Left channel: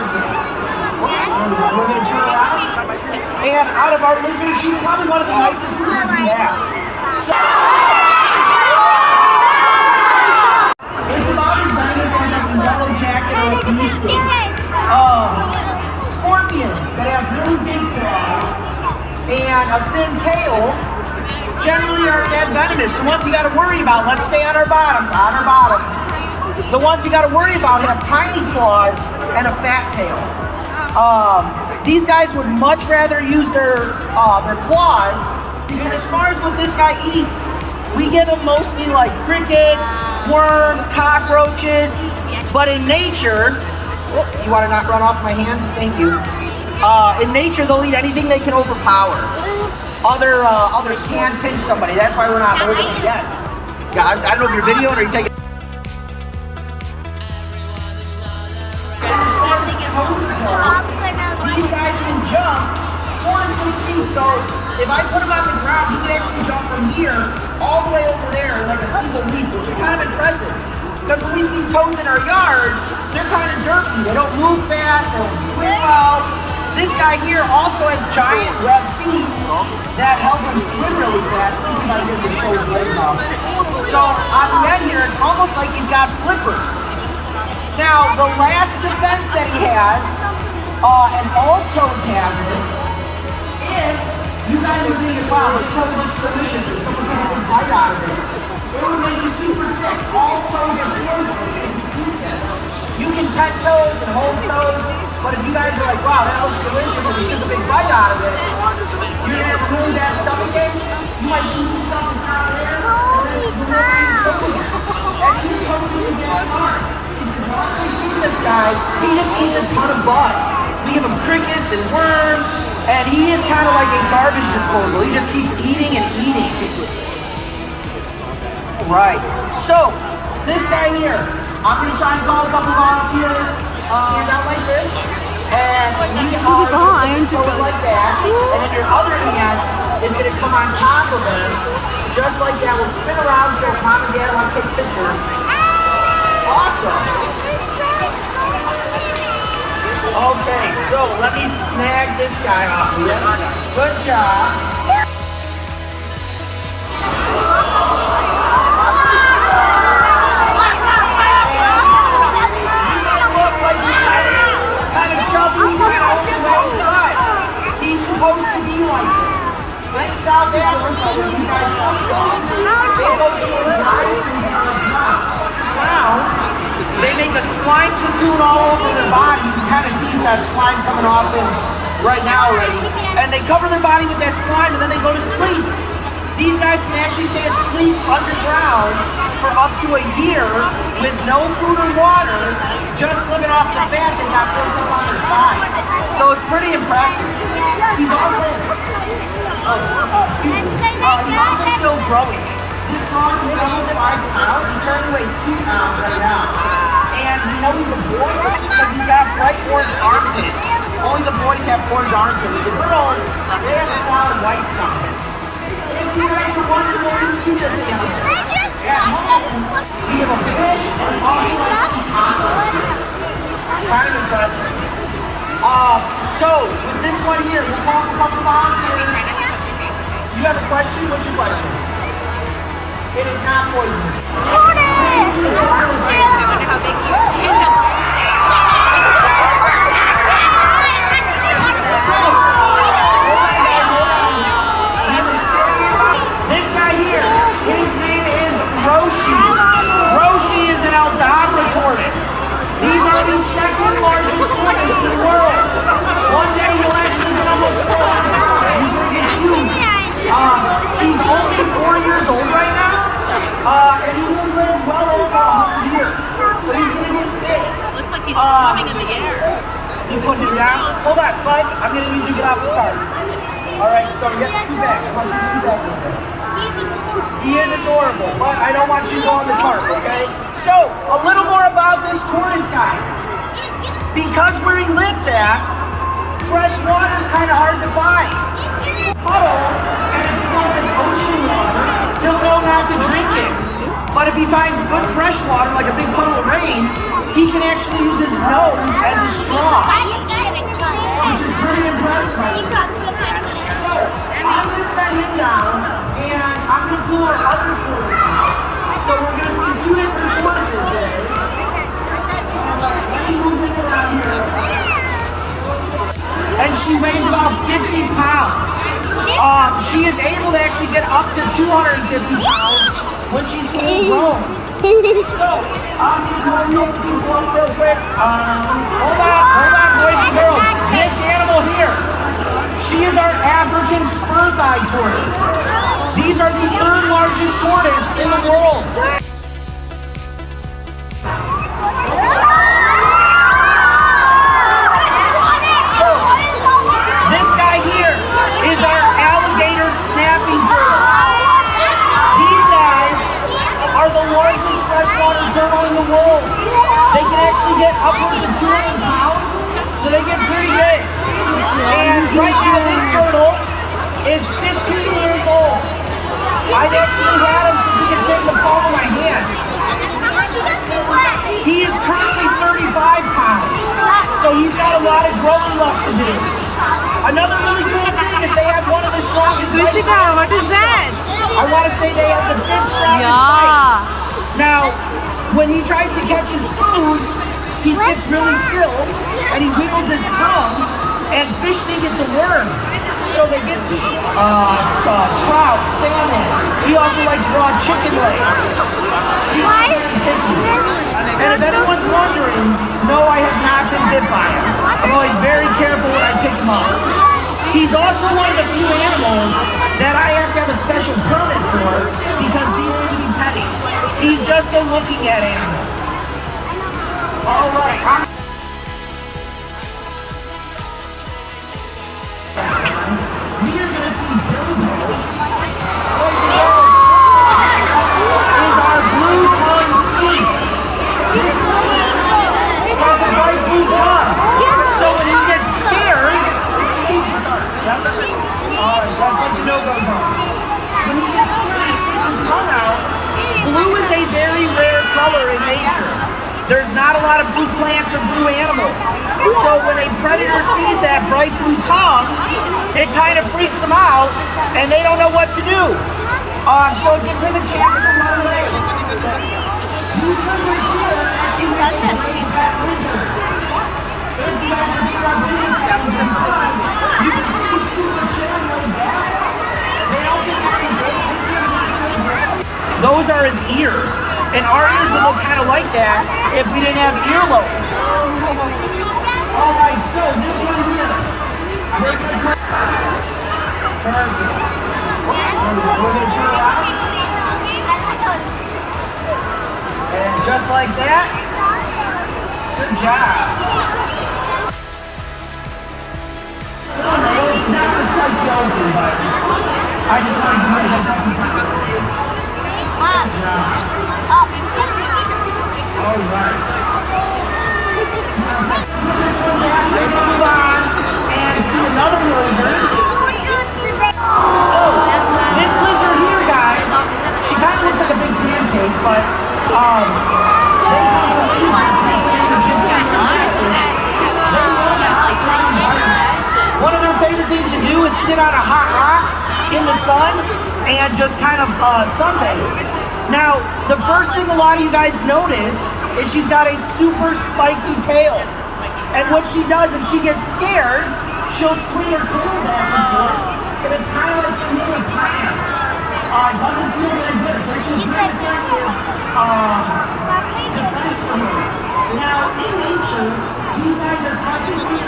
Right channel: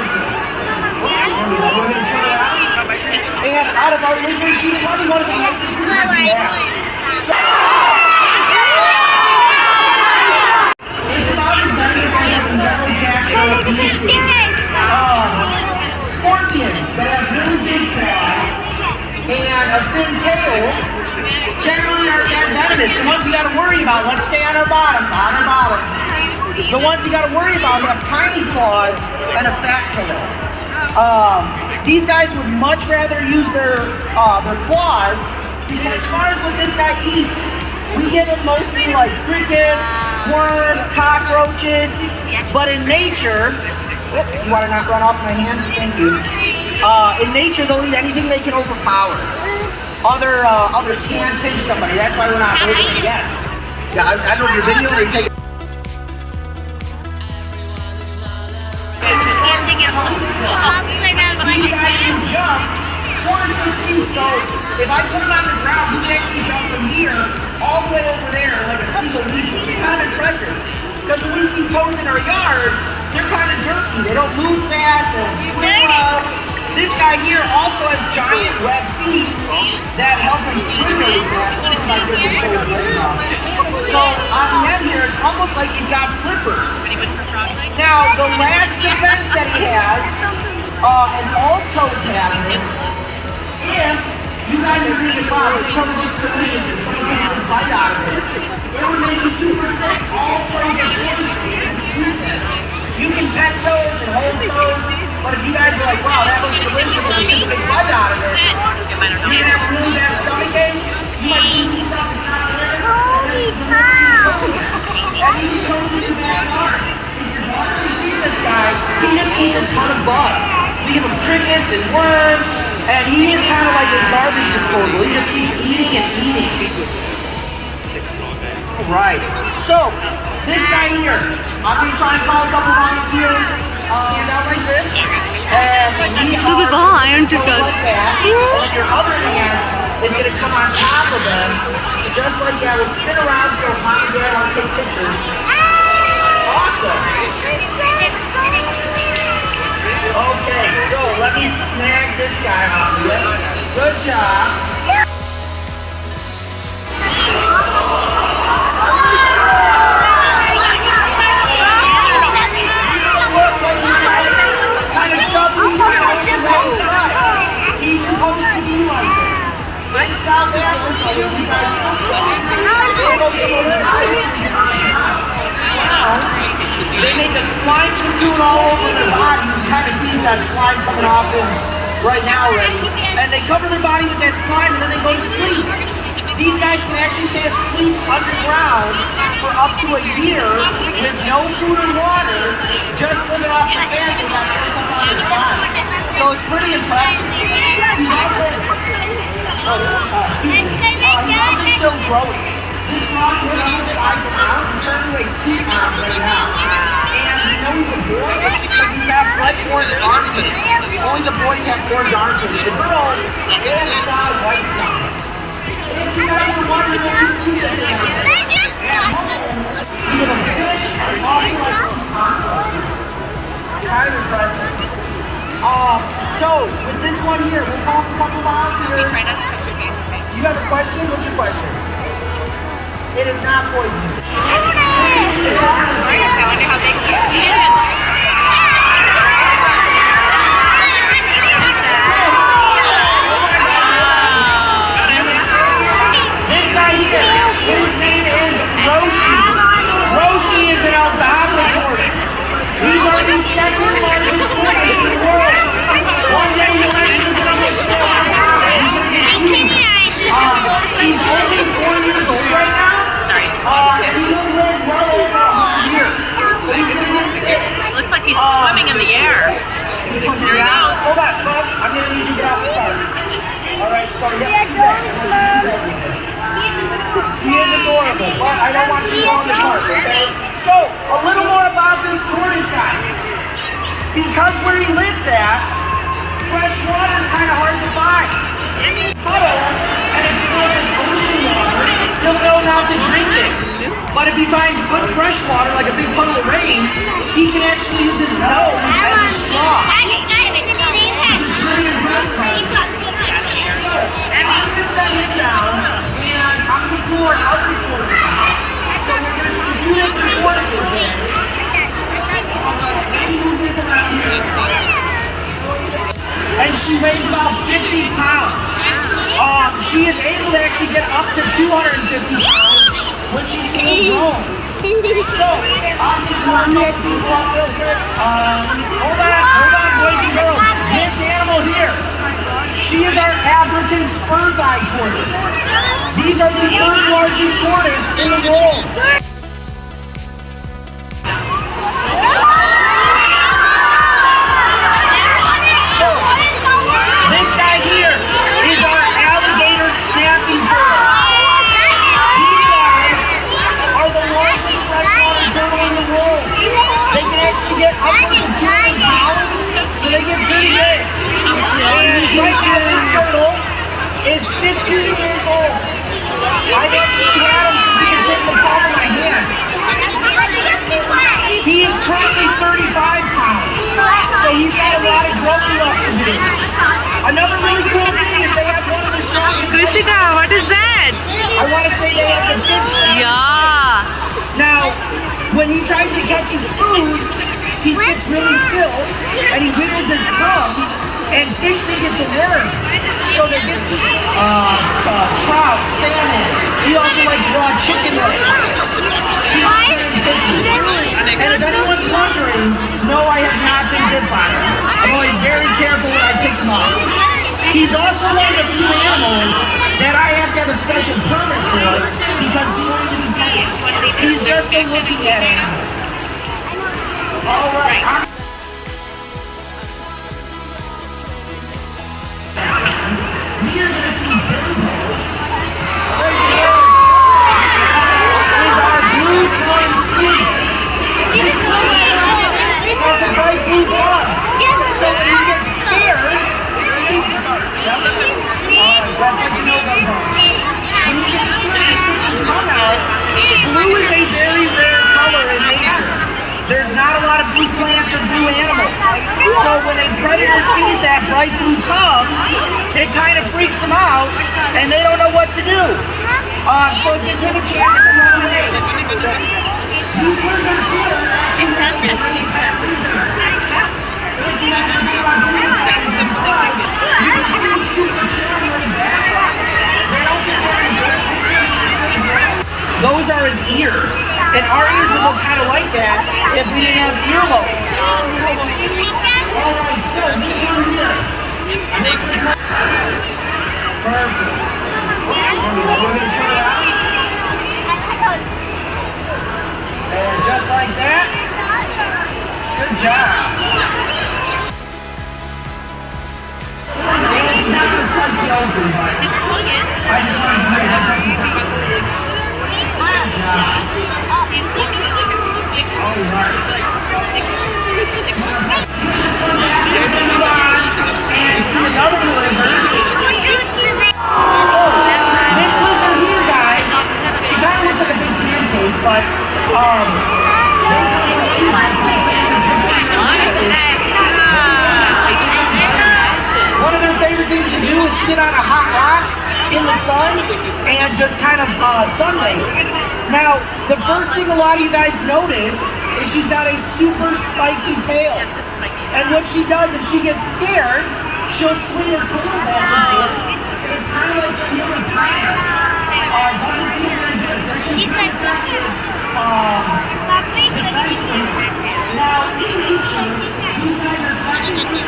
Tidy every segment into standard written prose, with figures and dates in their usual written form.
Perfect. We're going to turn around. And out of our lizards, she's probably one of the nicest lizards we have. So, it's about as venomous as a yellow jacket or a beastie. Scorpions that have really big claws and a thin tail generally aren't that venomous. The ones you got to worry about, let's stay on our bottoms, The ones you got to worry about have tiny claws and a fat tail. These guys would much rather use their claws, because as far as what this guy eats, we give him mostly like crickets, worms, cockroaches, but in nature, you want to not run off my hand? Thank you. In nature, they'll eat anything they can overpower. Others can pinch somebody. That's why we're not holding it yet. Yeah, I don't know if you're videoing or you're taking. These guys can jump 4 to 6 feet. So if I put them on the ground, you can actually jump from here all the way over there like a single leap, which is kind of impressive. Because when we see toads in our yard, they're kind of jerky. They don't move fast, they don't swim out. This guy here also has giant web feet that help him swim really fast. This is my good to show his legs off. So on the end here, it's almost like he's got flippers. Now, the last defense that he has, and all toads have this, if you guys are thinking, wow, this toad looks delicious and someone can have a bite out of it, it would make you super sick. All toads are poisonous. You can pet toads and hold toads, but if you guys are like, wow, that looks delicious and we took a big bite out of it, you're gonna have a really bad stomach ache. You might see something out there, and then you're gonna be choking. And you can choke in your backyard. This guy, he just eats a ton of bugs. We give him crickets and worms, and he is kind of like a garbage disposal. He just keeps eating and eating. All right, so this guy here, I'm going to try and call a couple volunteers, hand out like this, and we are going to go like that, and then your other hand is going to come on top of him, just like that. We'll spin around so Mom and Dad want to take pictures. Awesome. Okay, so let me snag this guy off here. Good job. You guys look like he's kind of chubby, kind of overweight, but he's supposed to be like this. In South Africa, where these guys come from, they go to a they make a slime cocoon all over their body. You kind of see that slime coming off them right now already. And they cover their body with that slime and then they go to sleep. These guys can actually stay asleep underground for up to a year with no food or water, just living off the fat they got built up on their side. So it's pretty impressive. He's also, he's also still growing. This dog is almost 5 pounds. He currently weighs 2 pounds right now. And you know he's a boy because he's got bright orange armpits. Only the boys have orange armpits. The girls, they have a solid white stomach. If you guys are wondering what we feed this animal, at home, we have a fish and also like some cockroaches. Kind of impressive. So, with this one here, we'll call a couple volunteers. You have a question? What's your question? It is not poisonous. This guy here, his name is Roshi. Roshi is an Aldabra tortoise. These are the second largest tortoise in the world. One day he'll actually get almost 400 pounds. He's going to get huge. He's only 4 years old right now. And he will live well over 100 years. So he's going to get fit. It looks like he's swimming in the air. Hold on, bud. I'm going to need you to get off the cart. Alright, so yeah, scoot back. I want you to scoot back with this. He is adorable, but I don't want you to go on the cart, okay? So, a little more about this tortoise, guys. Because where he lives at, fresh water is kind of hard to find. Puddle, and it smells like ocean water, you'll know not to drink it. But if he finds good fresh water, like a big puddle of rain, he can actually use his nose as a straw. Which is pretty impressive, I think. So, I'm going to set him down, and I'm going to pull our other tortoise. So we're going to see two different tortoises there. And she weighs about 50 pounds. She is able to actually get up to 250 pounds when she's full grown. So, I'm going to go up real quick. Hold on, boys and girls. This animal here, she is our African spur-thigh tortoise. These are the third largest tortoise in the world. So, this guy here is our alligator snapping turtle. These guys are the largest freshwater turtle in the world. They can actually get upwards of 200 pounds, so they get pretty big. And right now this turtle is 15 years old. I've actually had him since he could fit in the palm of my hand. He is currently 35 pounds, so he's got a lot of growth left to do. Another really cool thing is they have one of the strongest. Krishika, what is that? I want to say they have the fifth strongest. Yeah. Now, when he tries to catch his food, he sits really still and he wiggles his tongue, and fish think it's a worm. So they get to trout, salmon. He also likes raw chicken legs. He's very picky. And if anyone's wondering, no, I have not been bit by him. I'm always very careful when I pick him up. He's also one of the few animals that I have to have a special permit for because he's going to be petted. He's just a looking at animal. All right. We are going to see Bilbo. Is our blue tongue snake. This has a bright blue tongue. So when he gets scared, alright, that's like the no-goes on. When he gets scared, he sticks his tongue out. Blue is a very rare color in nature. There's not a lot of blue plants and blue animals. So when a predator sees that bright blue tongue, it kind of freaks them out, and they don't know what to do. So it gives him a chance to run away. These lizards here, she said this, she said this. If you have to be on video games and cars, you can see the super channel back. They don't get very big. Those are his ears. And our ears would look kind of like that if we didn't have earlobes. Alright, so this one here. Perfect. We're going to turn around. And just like that. Good job. It's not the size open, but I just want to bring that up. Good job. All right. This one back, we're going to move on and see another lizard. So, this lizard here, guys, she kind of looks like a big pancake, but they come from one of their favorite things to do is sit on a hot rock in the sun and just kind of sunbathe. Now, the first thing a lot of you guys notice is she's got a super spiky tail. And what she does, if she gets scared, she'll swing her tail back and forth. And it's kind of like a little plant. It doesn't feel very good. It's actually pretty effective defense for her. Now, in nature, these guys are technically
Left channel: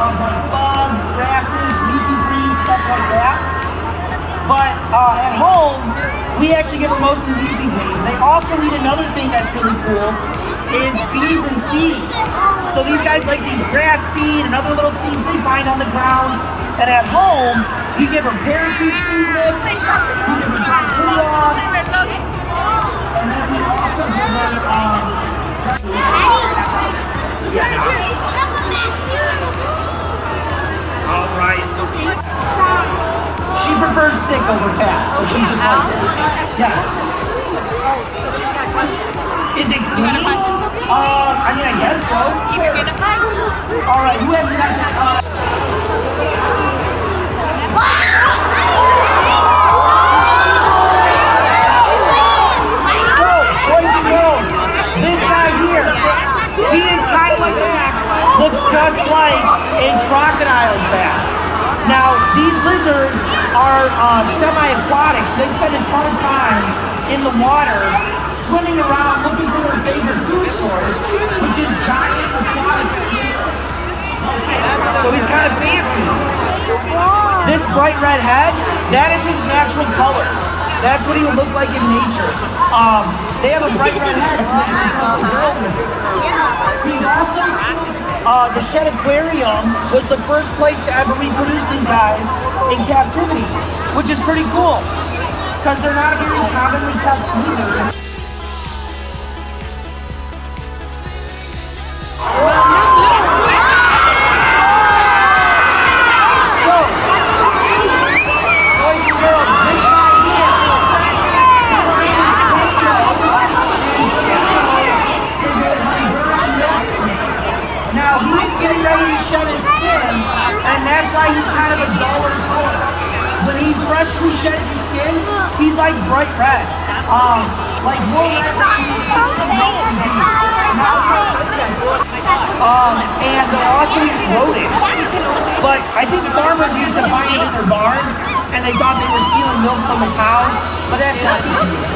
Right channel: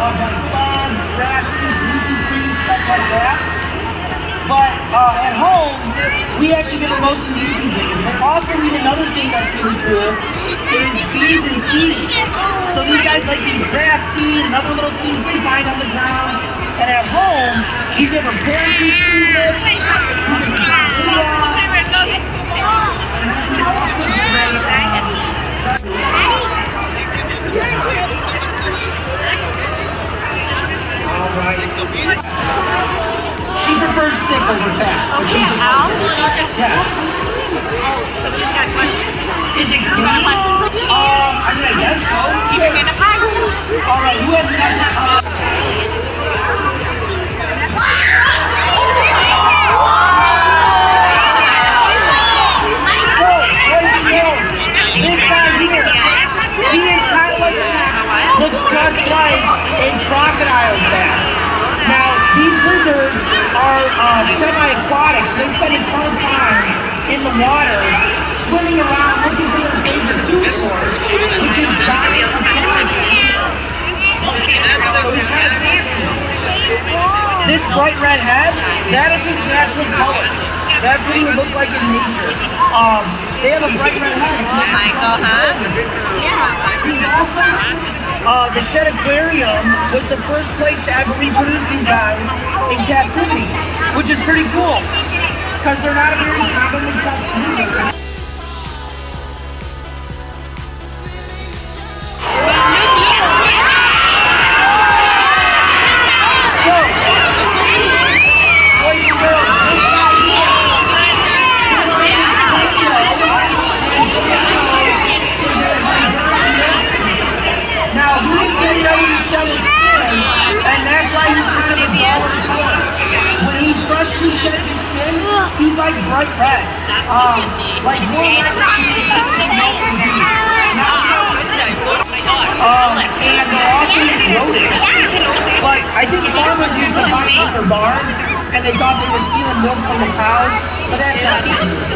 of like bugs, grasses, leafy green, stuff like that. But at home, we actually give them mostly leafy things. They also eat another thing that's really cool, is bees and seeds. So these guys like to eat grass seed and other little seeds they find on the ground. And at home, we give them parakeet seed mix, we give them dry quinoa, and then we also give them all right. She prefers thick over fat, but she's just like, yes. Is it clean? I mean, I guess so. Sure. All right, who has that? So, boys and girls, this guy here, he is kind of like that. Looks just like a crocodile's back. Now, these lizards are semi-aquatic, so they spend a ton of time in the water, swimming around looking for their favorite food source, which is giant aquatic sea. So he's kind of fancy. This bright red head, that is his natural colors. That's what he would look like in nature. They have a bright red head. He's awesome. The Shed Aquarium was the first place to ever reproduce these guys in captivity, which is pretty cool because they're not a very commonly kept lizard. So, boys and girls, this guy here, now he's getting ready to shed his skin, and that's why he's kind of a duller color. When he freshly sheds his skin, he's like bright red. Like more red than milk and beef. And they're also rodents. But I think farmers used to find them in their barns, and they thought they were stealing milk from the cows, but that's not the case.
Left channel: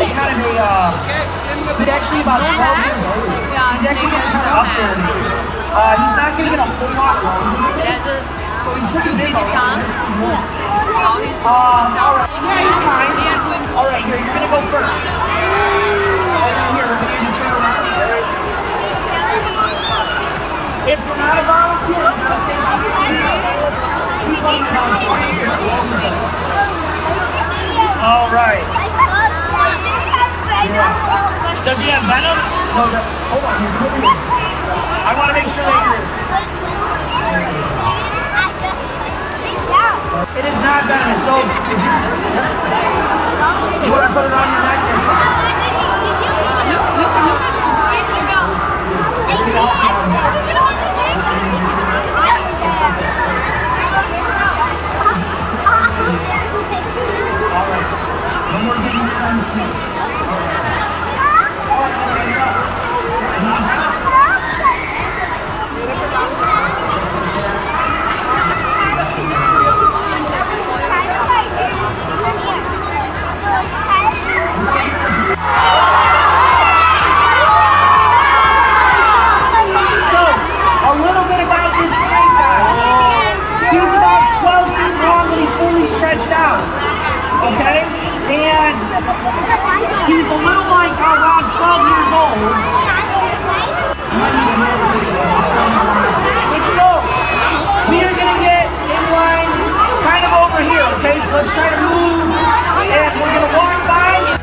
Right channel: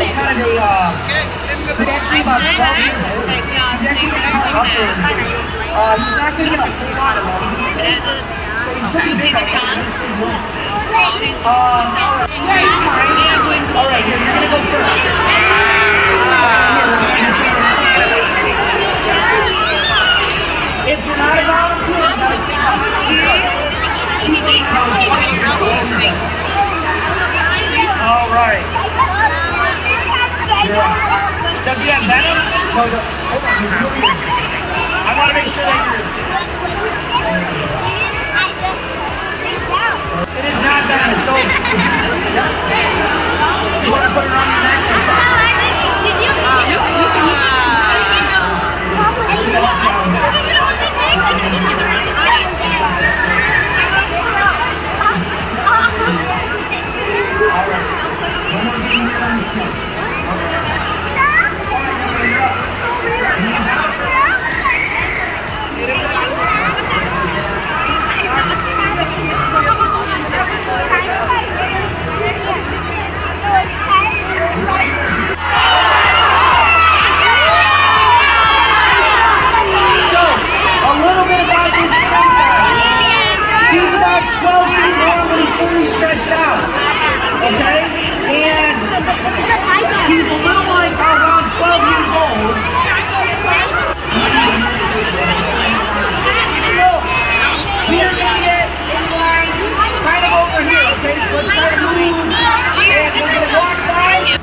He's kind of he's actually about 12 years old. He's actually getting kind of up there. He's not going to get a whole lot of long. So he's pretty big already. Alright. Yeah, he's fine. Alright, here, you're going to go first. Here, we're going to turn around. If you're not a volunteer, you gotta stay behind. Alright. Yeah. Does he have venom? No, hold on, he's good. I want to make sure that you're... It is not venomous, so... You want to put it on your neck or something? Alright. No more getting here on the seat. Alright, here we go. Hands out. So, a little bit about this snake guy. He's about 12 feet long, but he's fully stretched out. Okay? And he's a little like around 12 years old. So, we are going to get in line kind of over here, okay? So let's try to move, and we're going to walk by.